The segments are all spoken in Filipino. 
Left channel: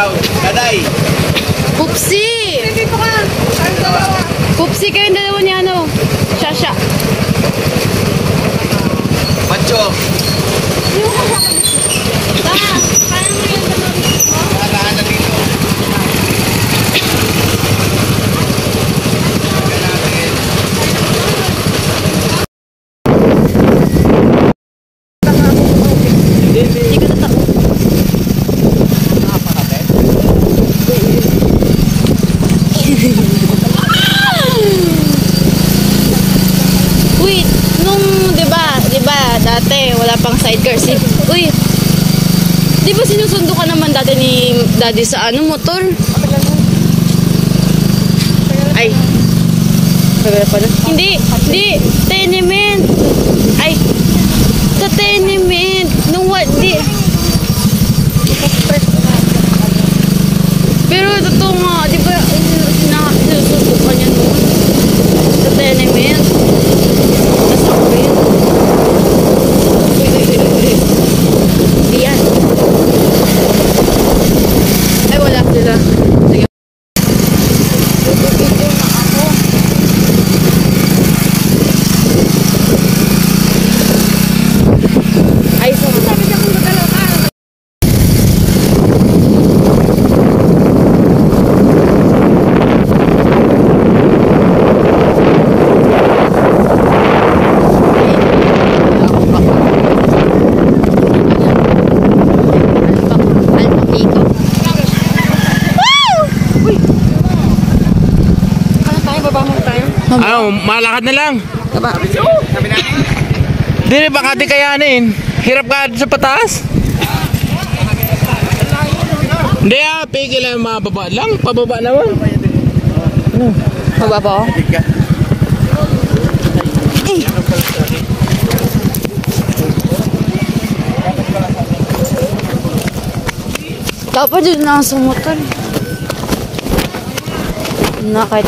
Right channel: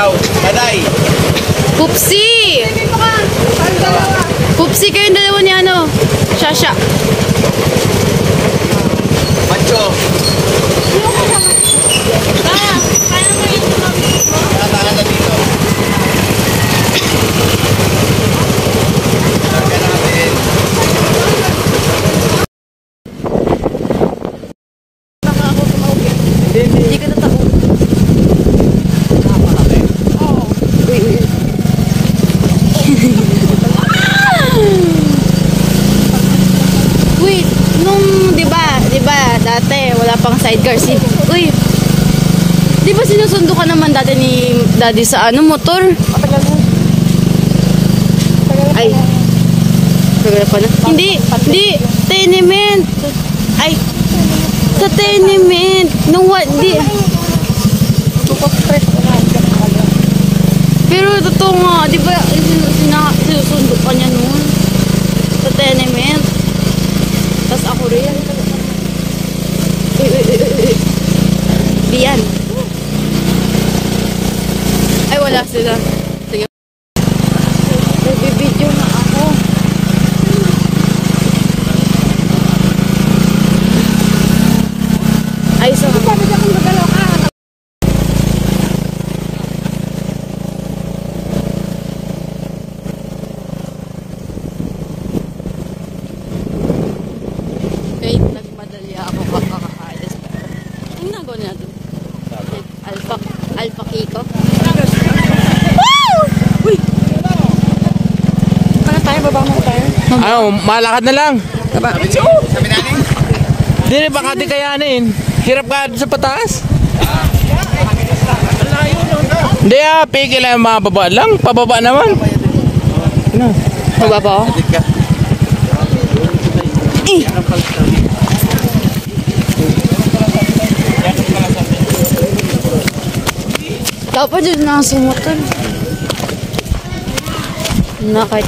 Ikaw, Taday. Pupsi! Pupsi kayong dalawa ni ano? Shasha. Pancho. Wait, nung, di ba, dati, wala pang sidecar si, uy, di ba sinusundo ka naman dati ni daddy sa ano, motor? Ay, hindi, tenement. Ay, sa tenement. Nung what, di. Pero totoo nga, di ba, sinusundo ka niya noon? Sa tenement. Tapos ako rin. Di yan. Ay, wala sila. Sige. Video na ako. Ay, so. Sabi niya kung gagalaw ka. Ano, malakad na lang. Hindi, baka di kayanin. Hirap ka sa pataas. Hindi pigil lang yung mga baba lang. Pababa naman. Pababa ako? Dapat din na sumutan. Nakait.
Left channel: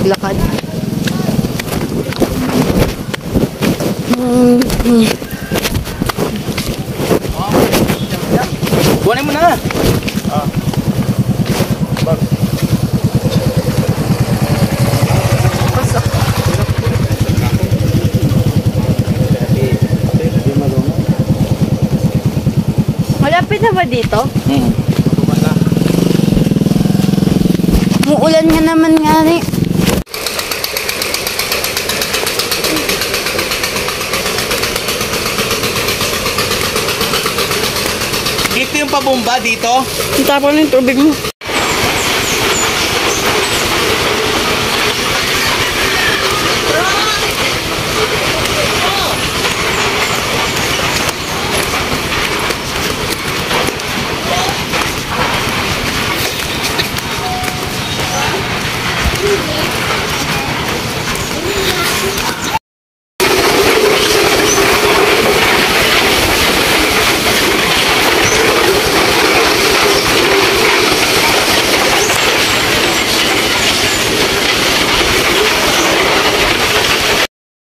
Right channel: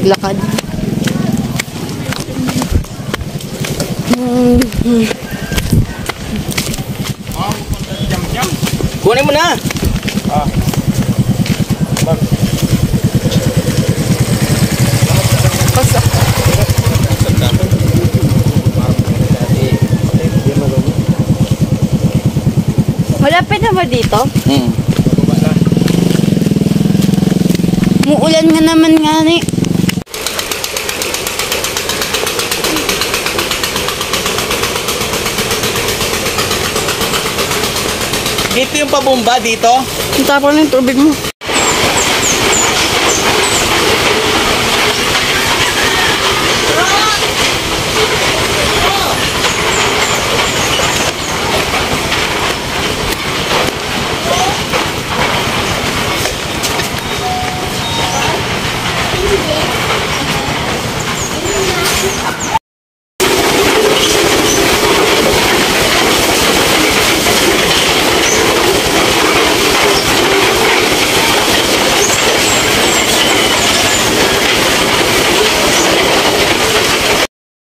Lakad. Kunin mo na. Malapit na ba dito? Muulan nga naman nga rin. Dito yung pabomba dito. Tapon na yung tubig mo.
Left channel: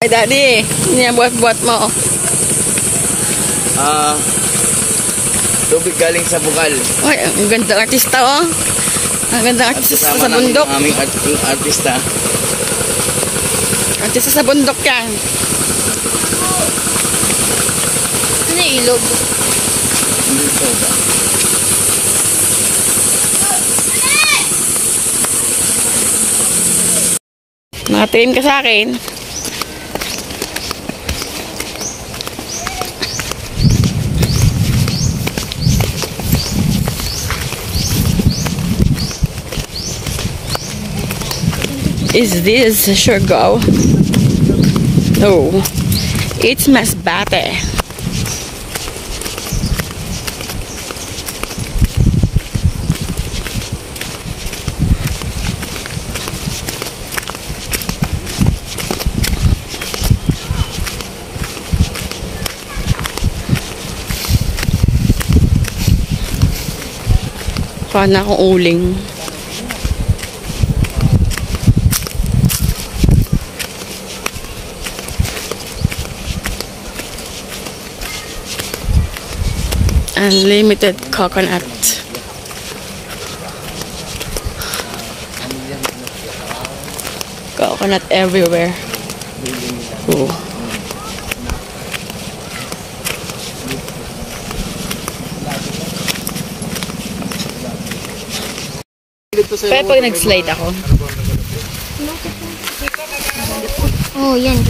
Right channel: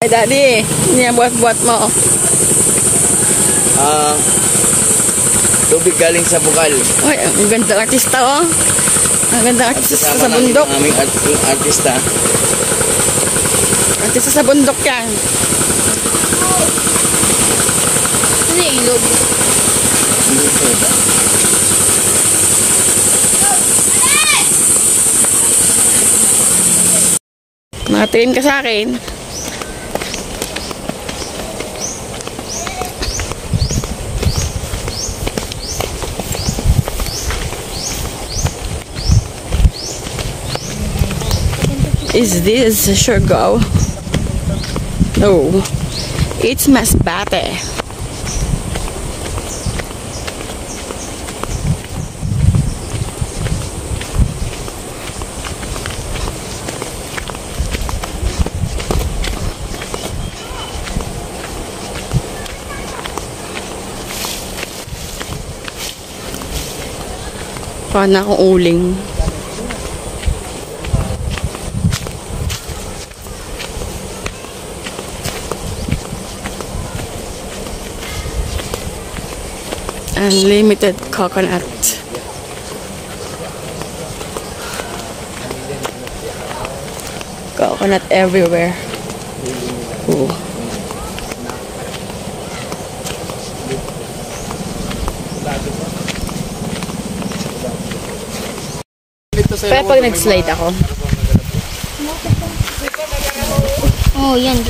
Ay, daddy, hindi yan buhat-buhat mo. Tubig galing sa bukal. Uy, ang gandang artista, oh. Ang gandang artista sa bundok. Ang aming artista. Artista sa bundok yan. Ano yung ilog? Hindi siya. Nakatingin ka sa akin. Is this Surigao? No, it's Masbate. Paano akong uling? Unlimited coconut. Coconut everywhere. Ooh. Pero pag nag-slide ako. Oh, yan.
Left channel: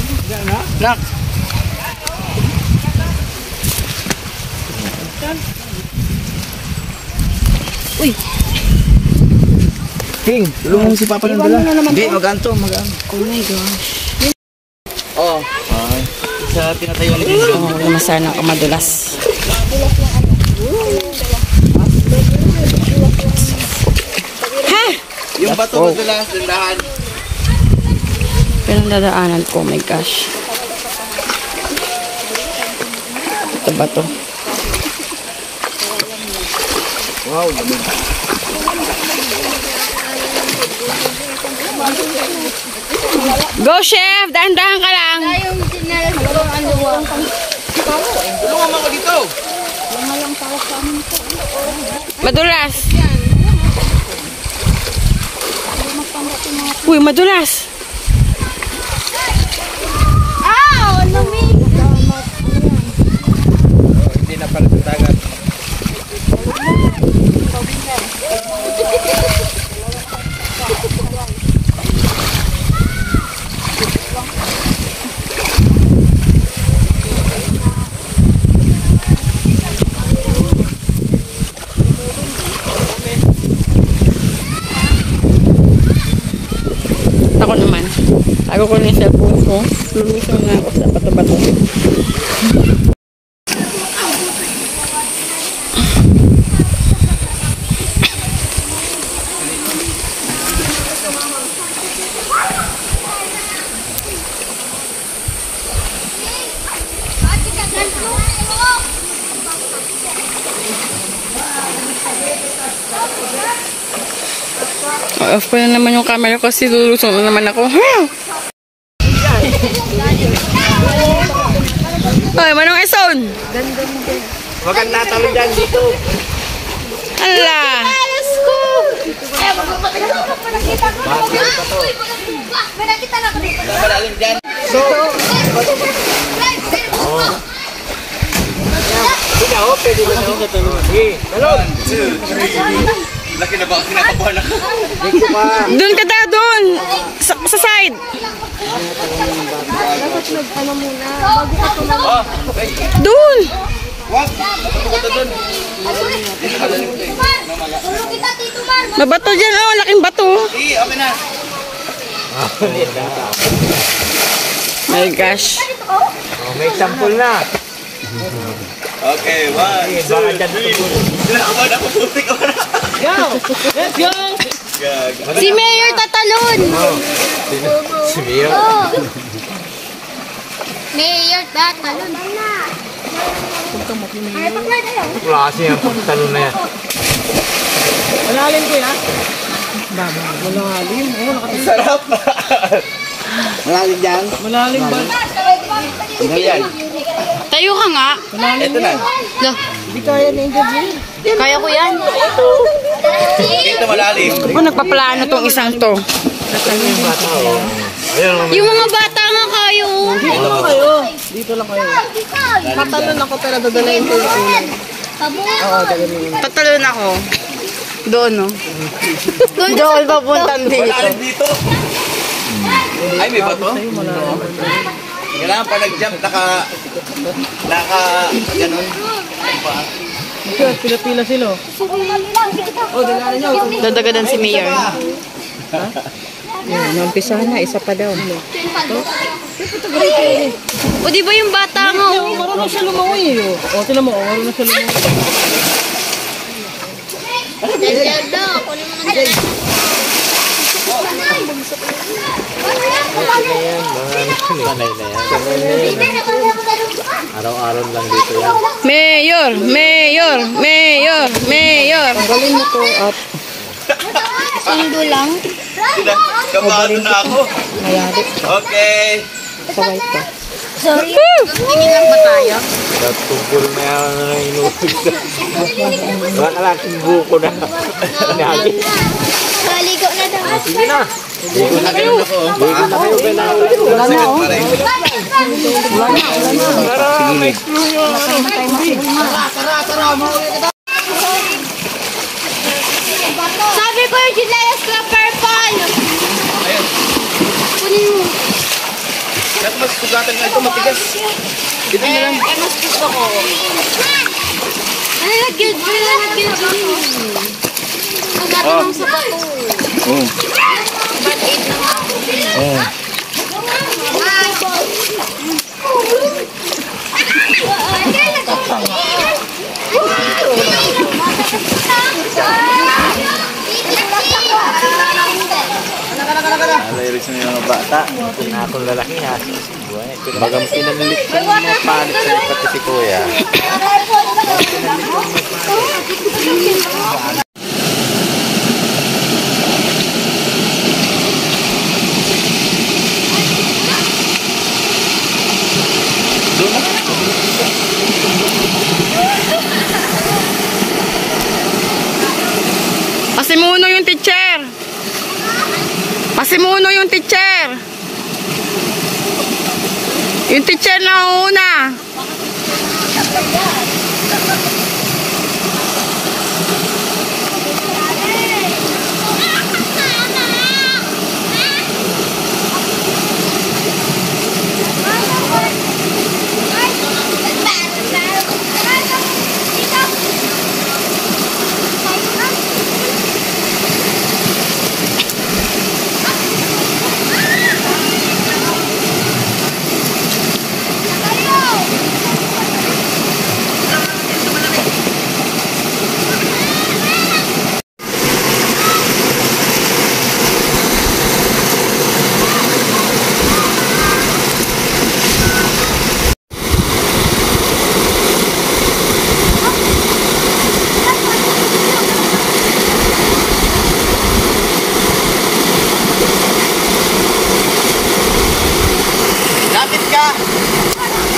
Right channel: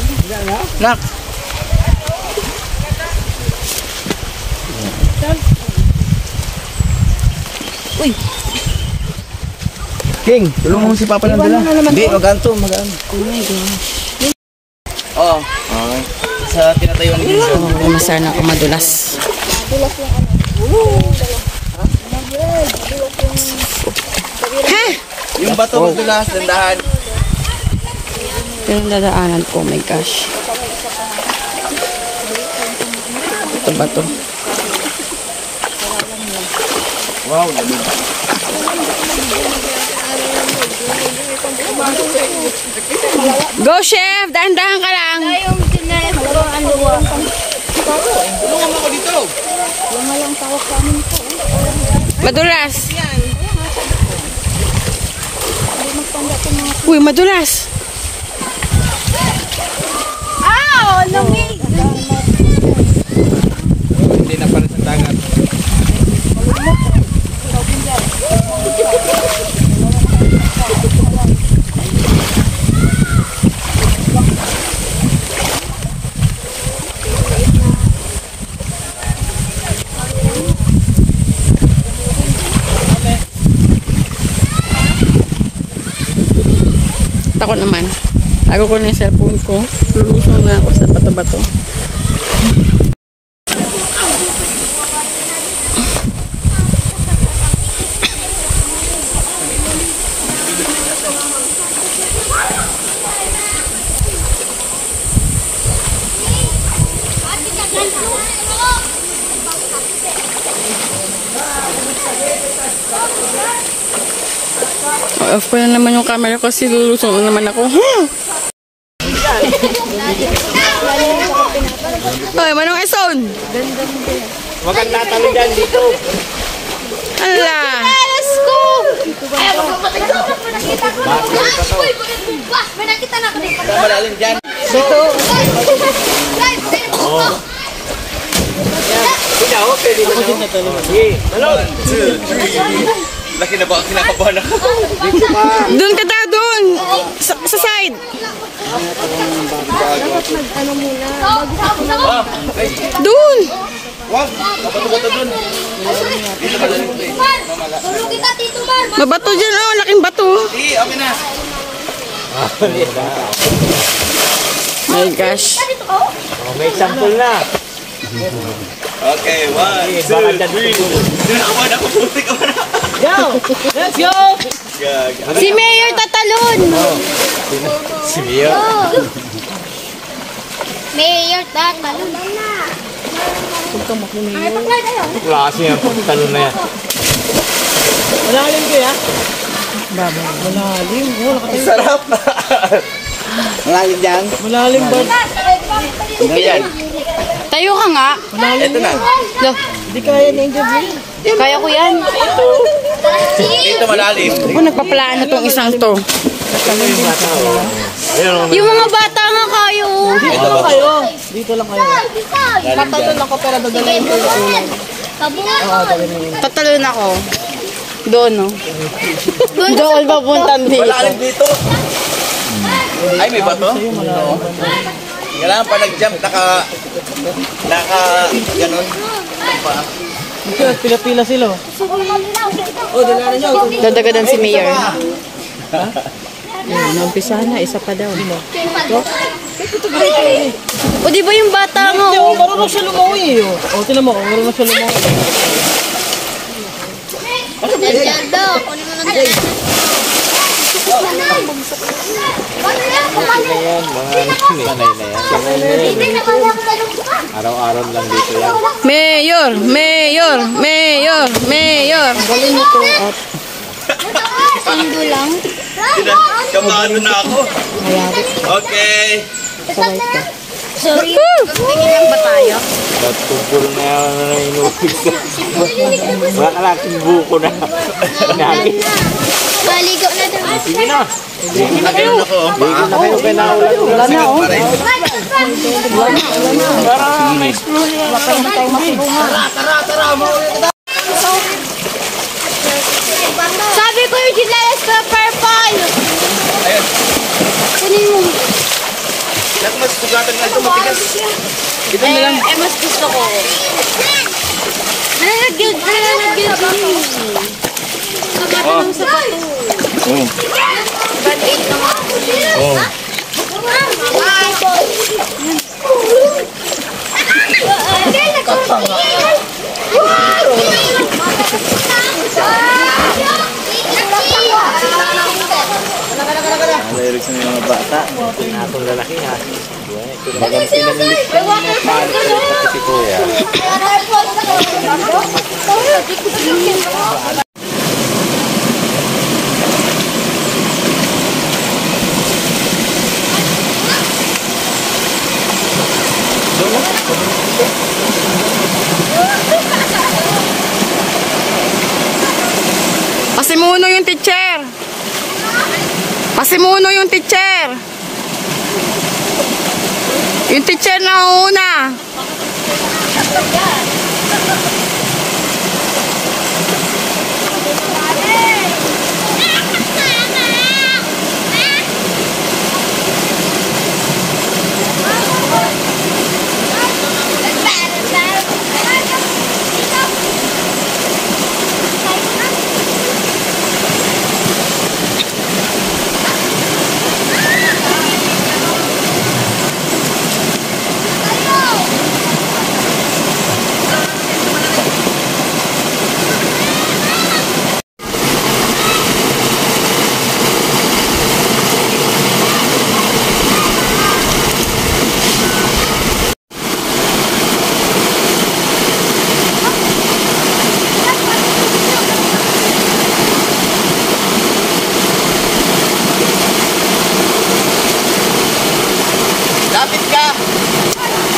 Nak. Uy. King, tulungan mo si Papa ng dala. Hindi, maganto, magaan. Oo. Okay. Sa pinatayuan ni King. Oh, masarap ako madulas. Ha? Yung bato madulas, dandahan. Pero dadaanan ko, oh my gosh. Ito ba to? Wow, lamig. Go, chef! Dahan-dahan ka lang! Tulungan mo ako dito. Madulas! Uy, madulas! Hindi na para sa dagat. Ako naman. Ako ko na yung cellphone ko. Lulusong na ako sa bato-bato. Off ko na naman yung camera kasi lulusong na naman ako. Ay, manong eson! Huwag kang tatalo dyan dito. Hala! Let's go! Ayaw, magpapatay ko. Nakita ko. May nakita na ako dito. Malalim dyan. Pinaw, pwede ba na? Sige, talon. Laki na ba? Kinakabahan ako. Doon ka daw, doon! Sa side! Doon! Wag! Bato-bato dun. Tulog kita, Tito Mar. Mabato dyan, oh! Laking bato! Sige, okay na. My gosh! May example na. Okay, 1, 2, 3. Kinakabahan ako. Putik ako na. Let's go! Si Mayor tatalon! Si Mia. Mayor, tatalon. Ay, pag-light ayaw. Klase yan, talon na yan. Malalim ko ya? Malalim. Sarap! Malalim dyan. Malalim ba? Hindi yan. Tayo ka nga! Ito na. Loh, Hindi kaya na yung gabi. kaya ko yan. Dito malalim. Ako nagpaplano tong isang to. Yung mga bata nga kayo. Dito lang kayo. Dito lang kayo. Tatalon ako pero dadalhin ko yung ulan. Oo, dadalhin. Tatalon ako. Doon, no? Doon papuntan dito. Malalim dito. Ay, may bato? Kailangan pa nag-jump, ganun. Pila-pila sila. Dadagadan si Mayor. Nampisa na, isa pa daw. O, di ba yung bata nga? Oo, marunong siya lumawi. O, tinan mo, marunong siya lumawi. Zelda, kunin mo na. Ayan, mga sanay na yan. Araw-araw lang dito yan. Mayor! Mayor! Mayor! Mayor! Galing nito at Sundo lang. Kamado na ako. mayari. Okay. Sabay ka. Sorry. Tingin lang ba tayo? Natupol na yan na inubig na. Nakalaking buko na. Inagin. Maligo na daw. Sige na. Ligo na kayo. Ligo na kayo. Kaya naulan. Wala na, oh. Para ma-explore nyo. Wala pa naman tayo masilungan. Sabi ko yung chinelas ko purple. Kunin mo. Mas sugatan nga ito matigas. Mas gusto ko. Nalagyan ko. Magkata ng sapato. Bad 8 naman. Lyrics na yung mga bata. Atong lalaki nga. Bagang pinanilit. May waterfall ka no? Kasi kuya. Pasimuno yung teacher. Pasimuno yung teacher. Yung teacher na una.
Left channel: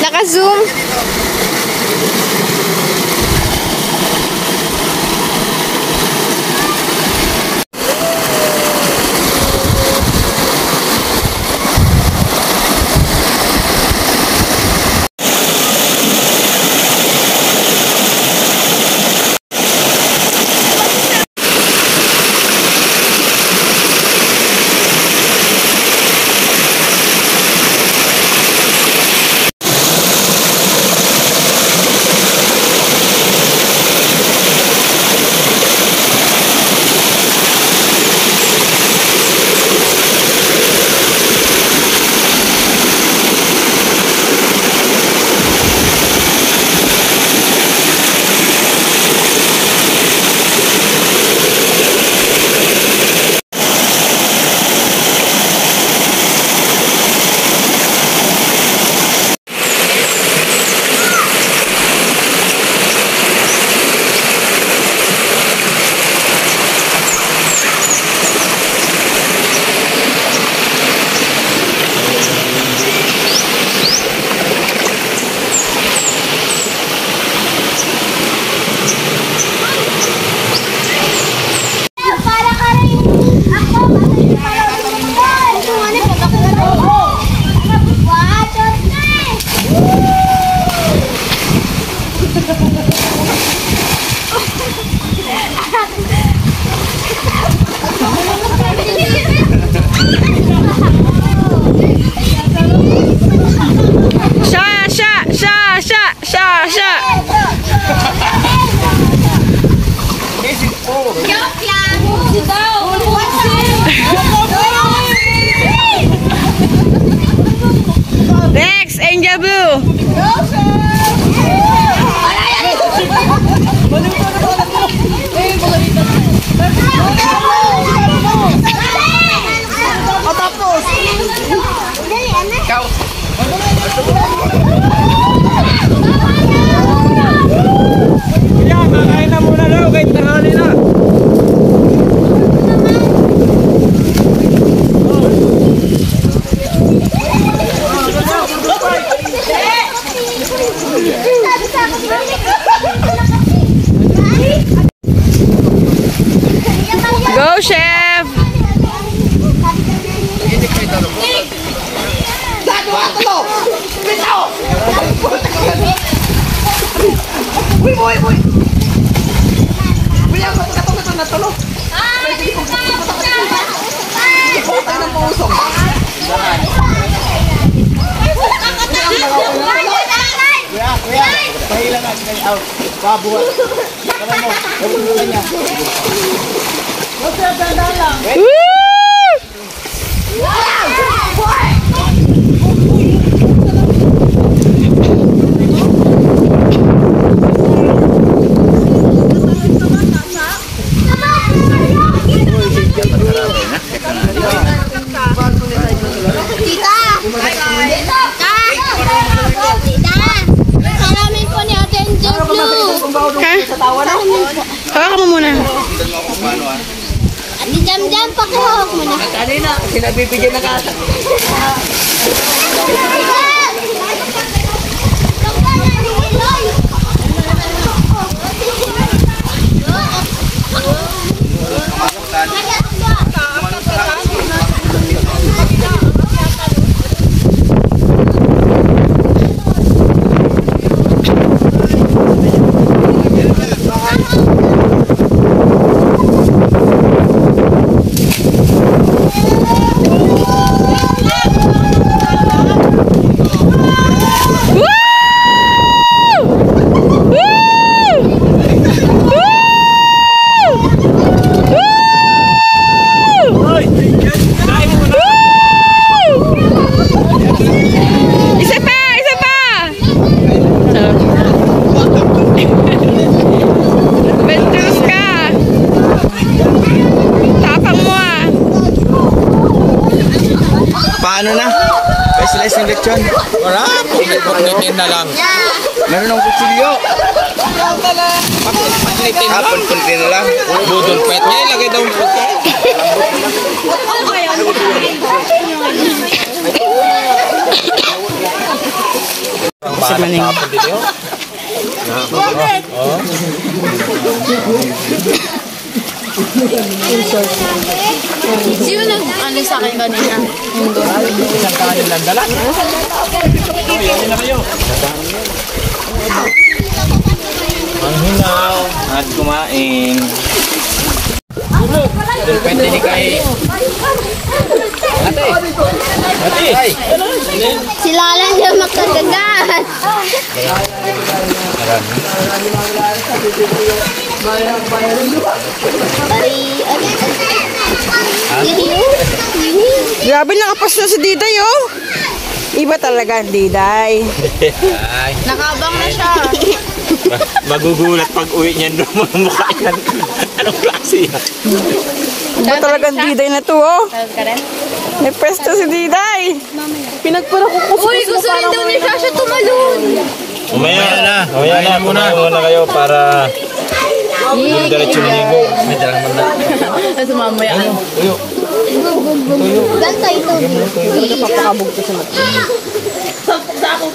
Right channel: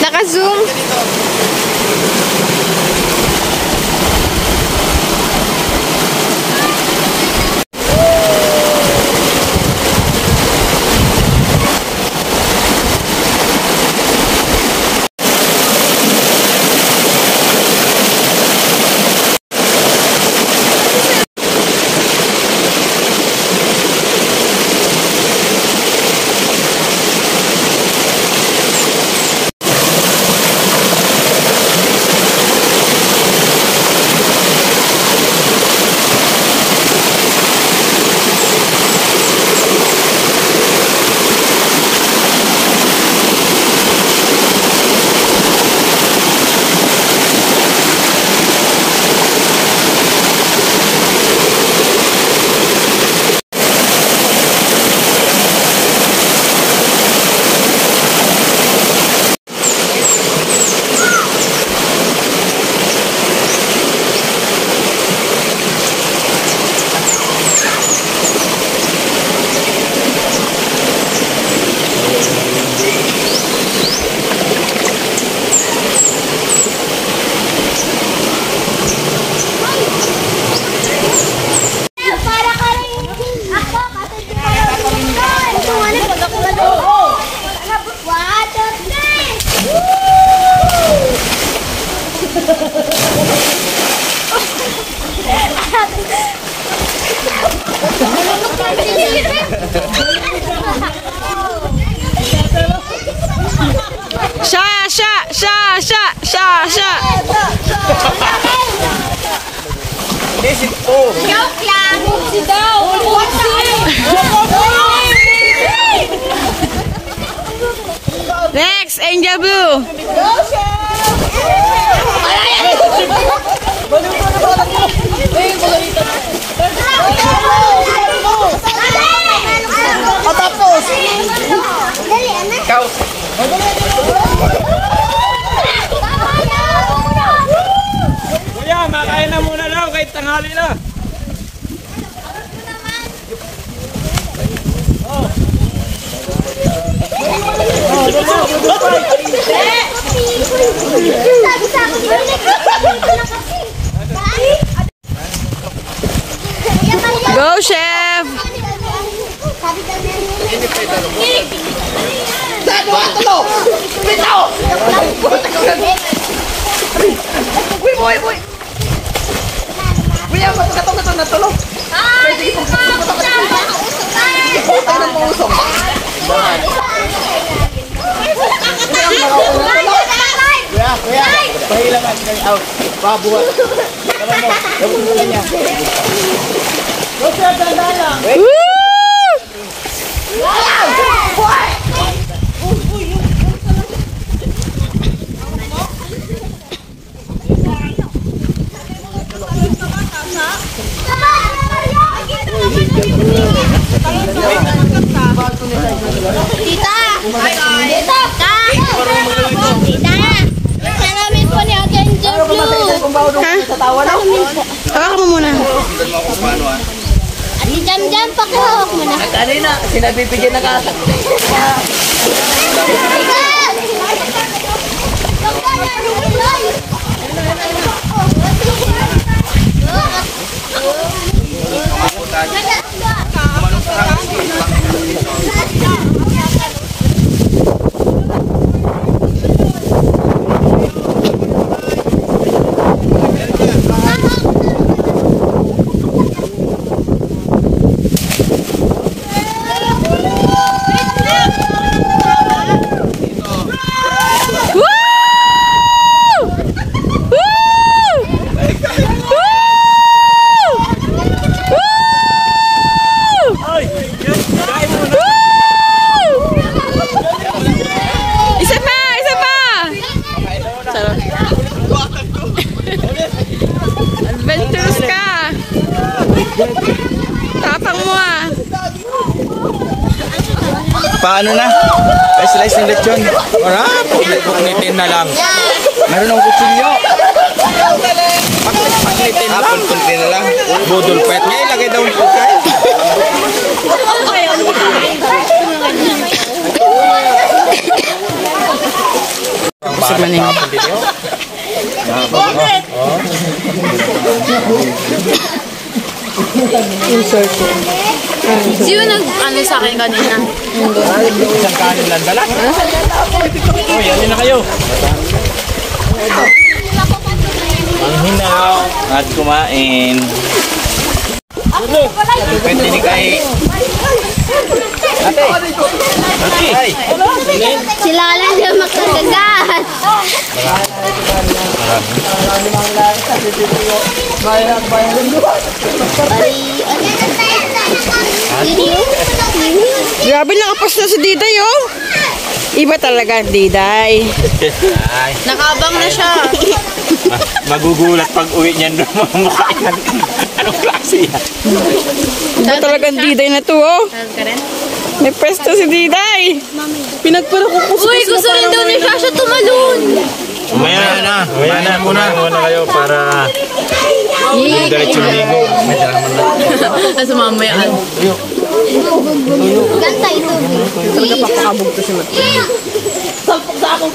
Naka-zoom. Joke lang. Next, Angel Blue. Tapos. Dali, anak. Ikaw. Kuya, makain na muna daw kahit tanghali na. boy. Kuya, matulog ito na tulog. Pwede itong ipotay ng pusong. Kuya, pahilangan kayo out. Babuhat. Kaman mo, nabubukan niya. What's up, dandala? Tita! Salamin po ni Ate Angel Blue! Hawakan mo muna. Ate Jam-Jam, pakihawak mo na. Kanina, sinabibigyan na katak. Paano na? Slice ng lechon. Wala, pagnitin na lang. Meron ng kutsilyo. Pagnitin na lang. Pagnitin na lang. Budol pet niya, ilagay daw yung pagkain. Sa maning. Sino nag-ano sa akin kanina? Isang kanin lang dala. Yan na kayo. Ang hinaw at kumain. Pwede ni kay Ate. Sila lang yung magkagagat. Grabe, nakapas na si Diday, oh. Iba talaga, Diday. Nakabang na siya. Magugulat pag uwi niyan doon mukha yan. Anong klase yan? Iba talagang Diday na to, oh. May pwesto si Diday. Pinagpuro ko ko. Uy, gusto rin daw ni Shasha tumalon. Umaya na. Umaya na. Muna kayo para yung diretso maligo. Sa mamaya. Ganta ito. Salpok sa ako.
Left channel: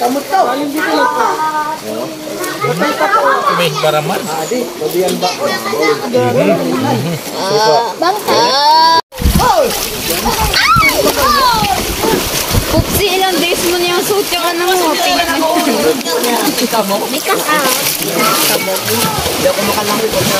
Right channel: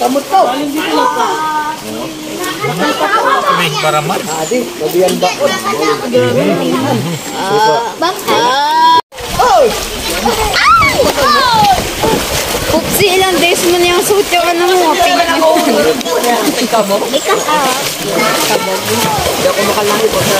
Kamot ka. May paraman. Adi, babiyan baon. Bangka. Upsi, ilang days mo na yung suit yung ano mo. Likas ah. Hindi ako makalangi ko sa...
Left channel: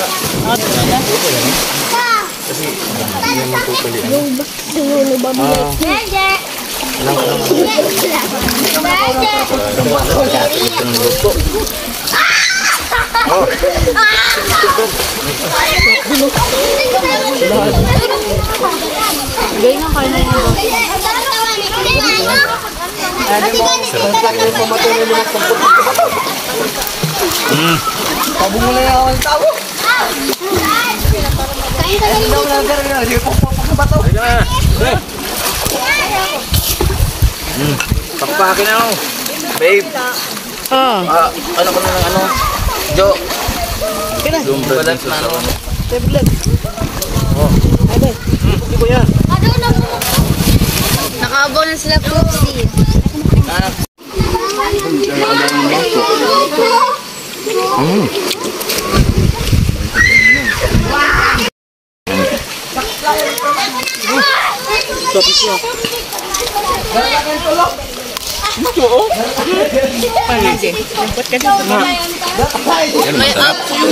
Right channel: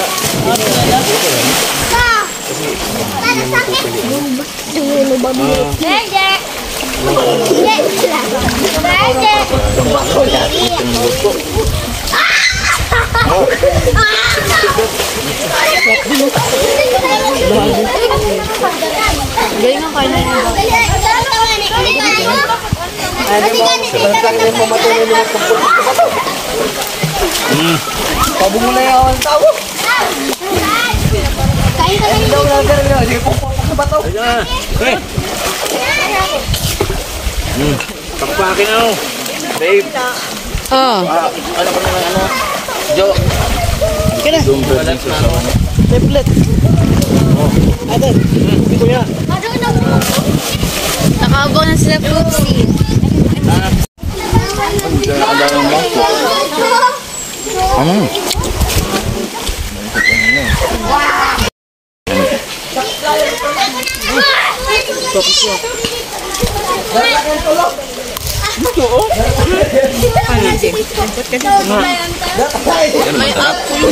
Pabong mo na yung awal tao. Kain ka na Daw na pero hindi po na ba to? Pagpakin na ako. Babe. Oh. Ano ko na ano? Jo. Kaya na. Tablet. Ate. Hindi ko yan. Nakabang na sila Upsi.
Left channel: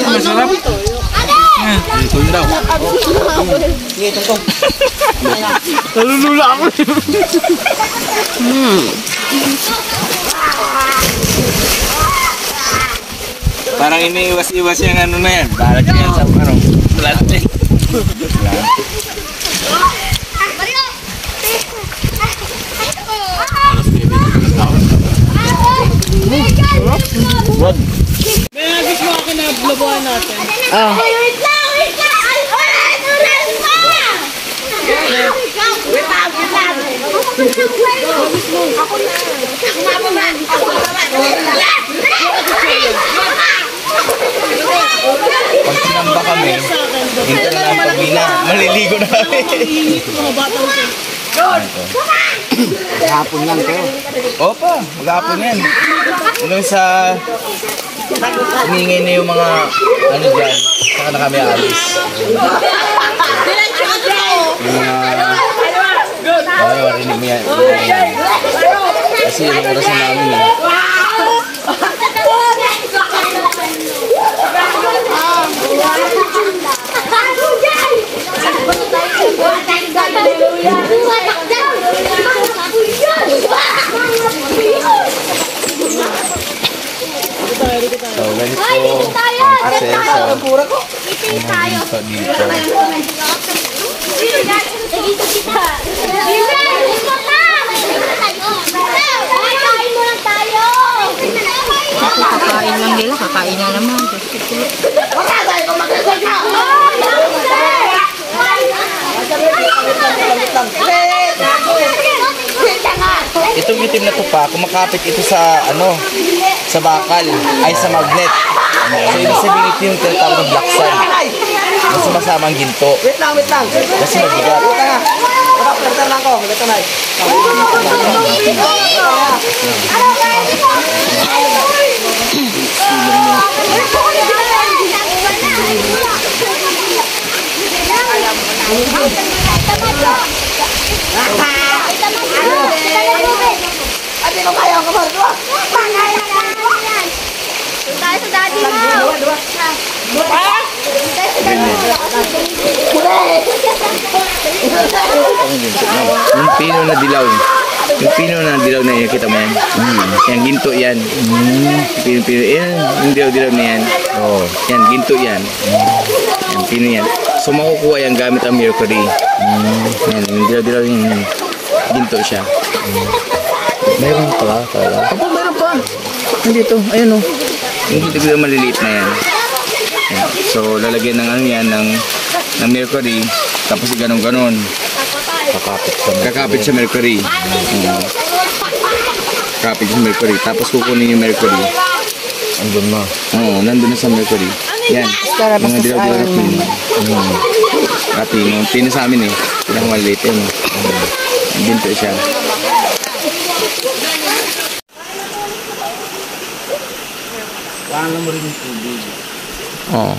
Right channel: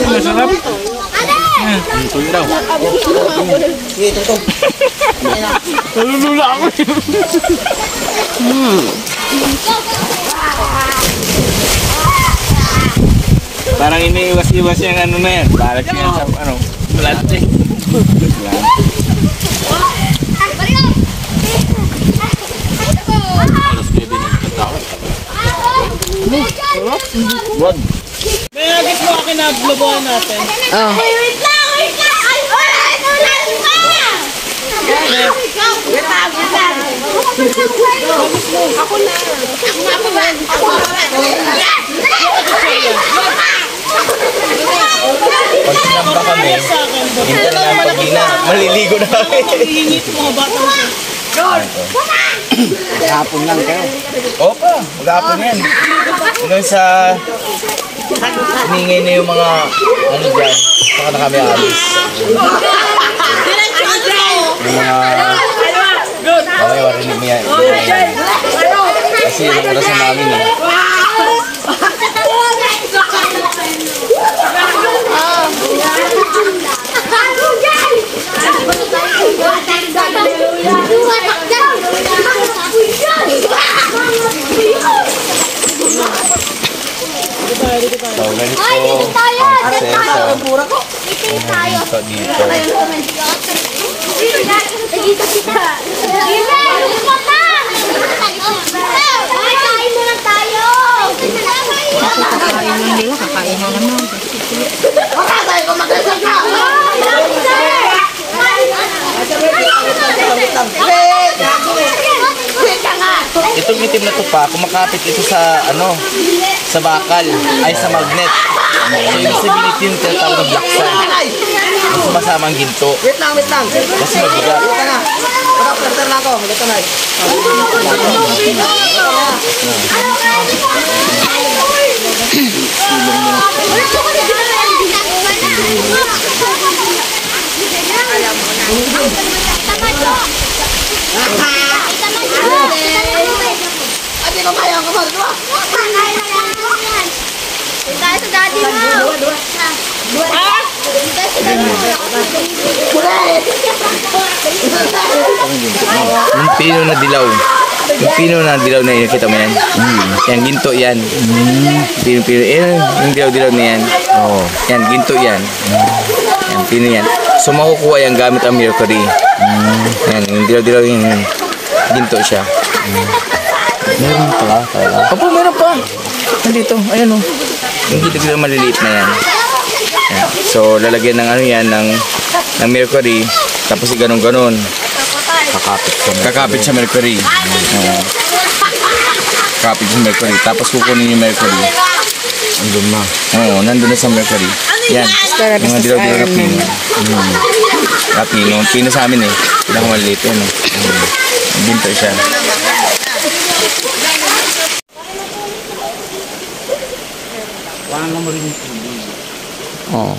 Masarap. Ito daw. Sige, ito. Nalulula ako. Parang iniiwas-iwas yung ano na yan. Parang yan sa ano. Plastic. Wag. May nagis mo akin na blobuhan natin. Oh. Wait lang! Pag sinamba kami, hindi na lang pag-ina. Maliligo na kami. Hapon lang kayo. Opa, mag-aapon yan. Hanggang sa humingay na yung mga ano dyan. Saka na kami alis. Yung mga marinig mo yan. Kasi yung oras na namin eh. So, ganito accessory. Meeting tayo. Dito. Nagkita kita. Kain mo lang tayo. Itong itim na tupa, kumakapit ito sa ano, sa bakal, ay sa magnet. So, ibig sabihin ito yung tinatawag ng black sand. Na sumasama ang ginto. Wait lang. Kasi mabigat. Pagka-perter lang ko. Ito na. Ate ko kaya ang kamar. Tayo sa daddy mo. Dua. Tayo sa daddy mo. Yung pino na dilaw. Yung pino na dilaw na yun, kita mo yan. Yan, ginto yan. Pino. Yung dilaw-dilaw na yan. Yan, ginto yan. Yan, pino yan. So, makukuha yan gamit ang mercury. Yan, yung dilaw-dilaw yan. Ginto siya. Meron pa. Kapag meron pa. Nandito, ayan o. Yung ginto maliliit na yan. Yan. So, lalagyan ng ano yan, ng mercury. Tapos ganon-ganon. Kakapit sa mercury. Kakapit sa mercury. Tapos kukunin yung mercury. Andun na. Oo, nandun na sa mercury. Yan. Mga dilaw-dilaw na pino. Pino sa amin eh. Pinakamaliit yun eh. Ginto siya. Parang mo rin yung tubig. Oo.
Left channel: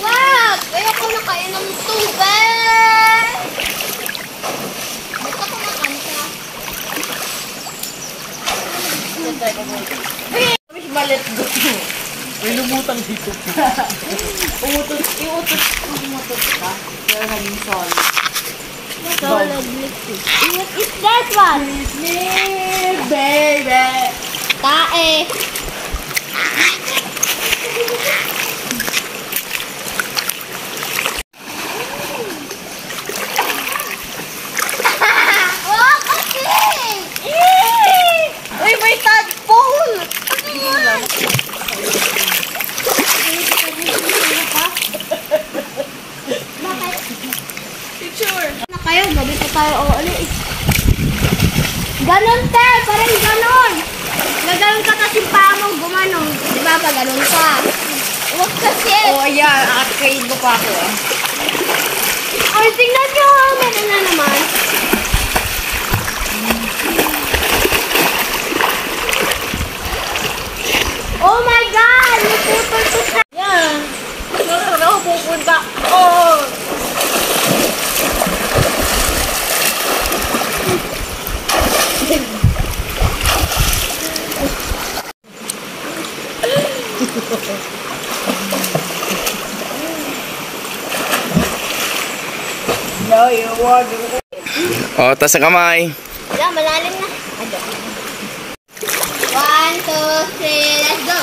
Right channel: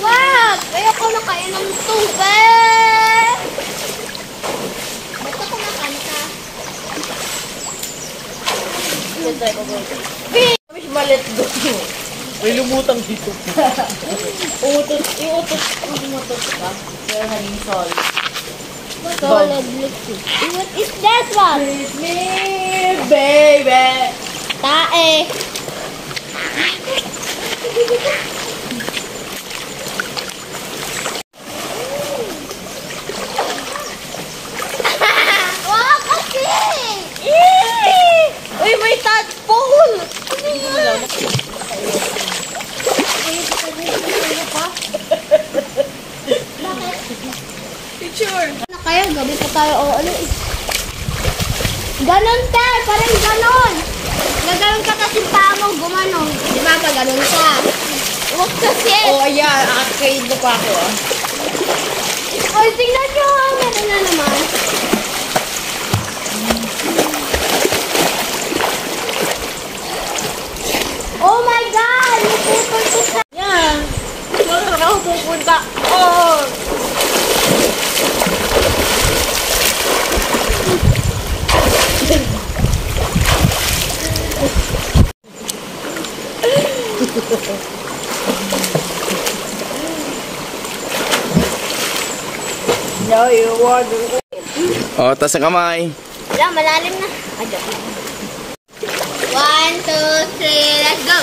Wag! Ayoko na kayo ng tubig! Basta kumakain ka. Malet go. May lumutang dito. Umutot ka. Kaya naging solid. Solid liquid. What is that one? Me, baby. Tae. Oh, kasi! Uy, may tadpole. Ano yan? Bakit? Picture. Na kayo, gabi pa tayo o ano is. Ganon te, parang ganon. Gaganon ka kasi pa mo gumanong. Di ba pa ganon ka? Huwag kasi. Oh, ayan. Arcade mo pa ako ah. Or tingnan nyo, meron na naman. pupunta. Oh! No, you want to... Oh, taas ang kamay. Wala, malalim na. 1, 2, 3, let's go!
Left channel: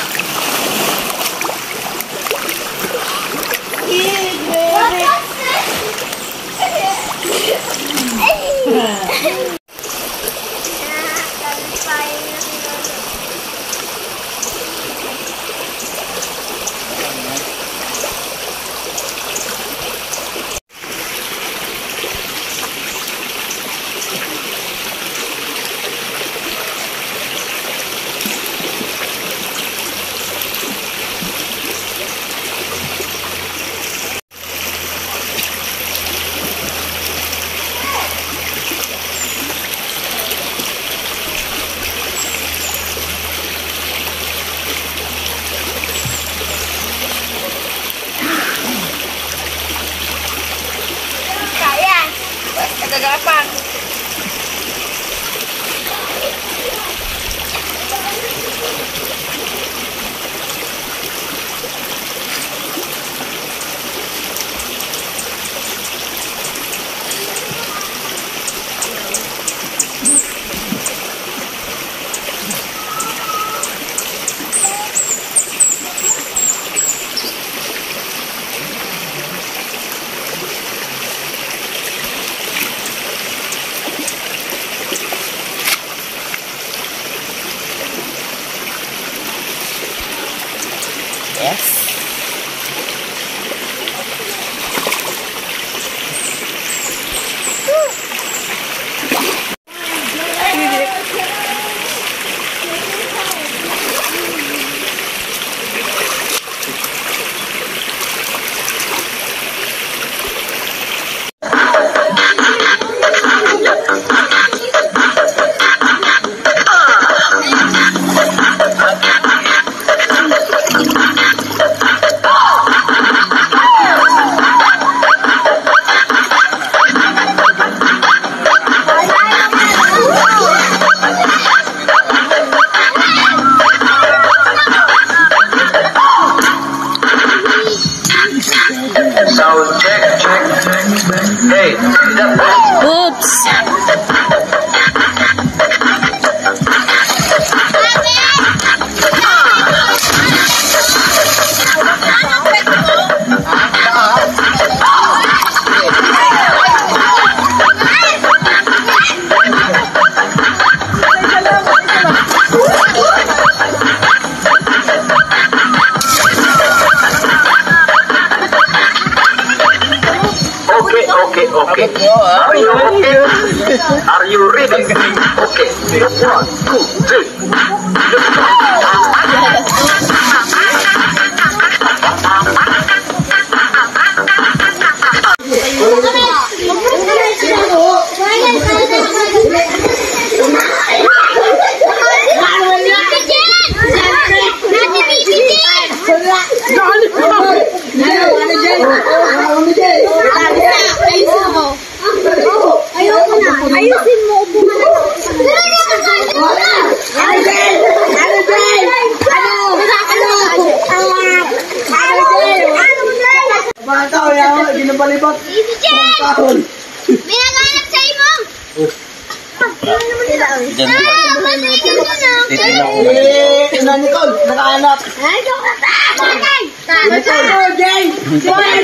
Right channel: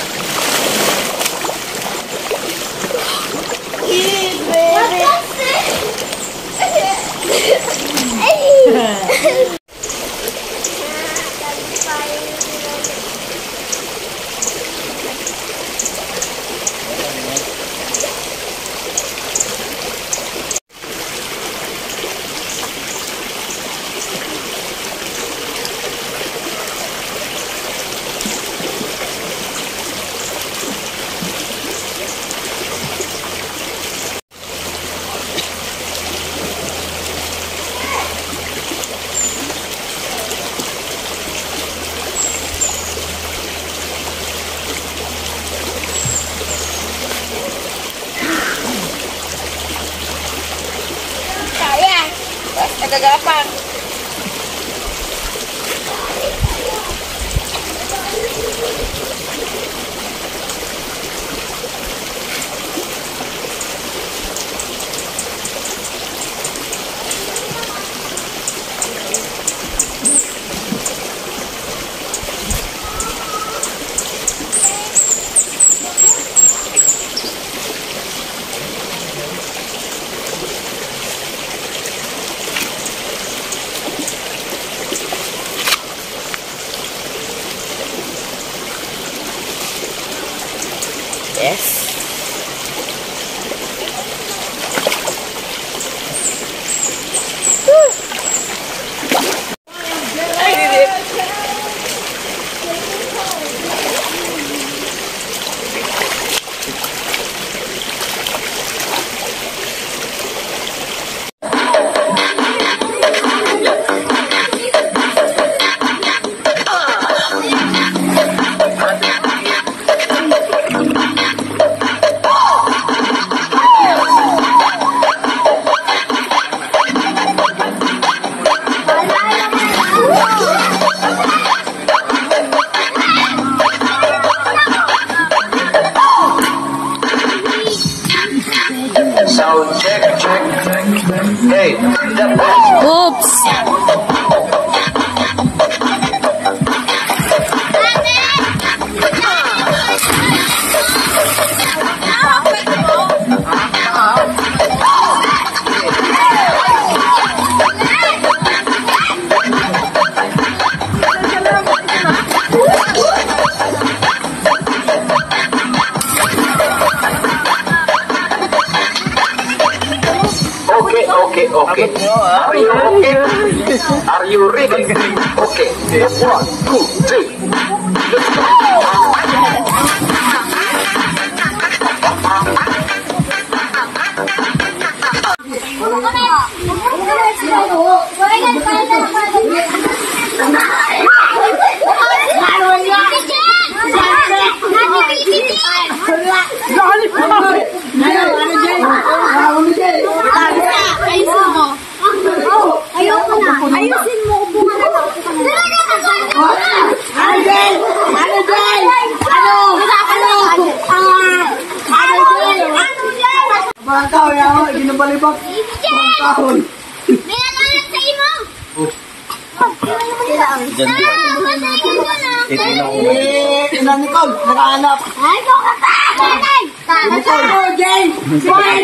Nagagapang. Yes. Sound check, check, check. Hey, Oops. okay. Are you okay? Are you ready? Okay. 1, 2, 3. Let's go. Ayusin mo, upo ka na lang. Ginabalibag. Kahon. May nagalang sa imo. Ina Nicole, nakahanap. Ay, ikaw ka ta! Nicole, Jay! Quiet,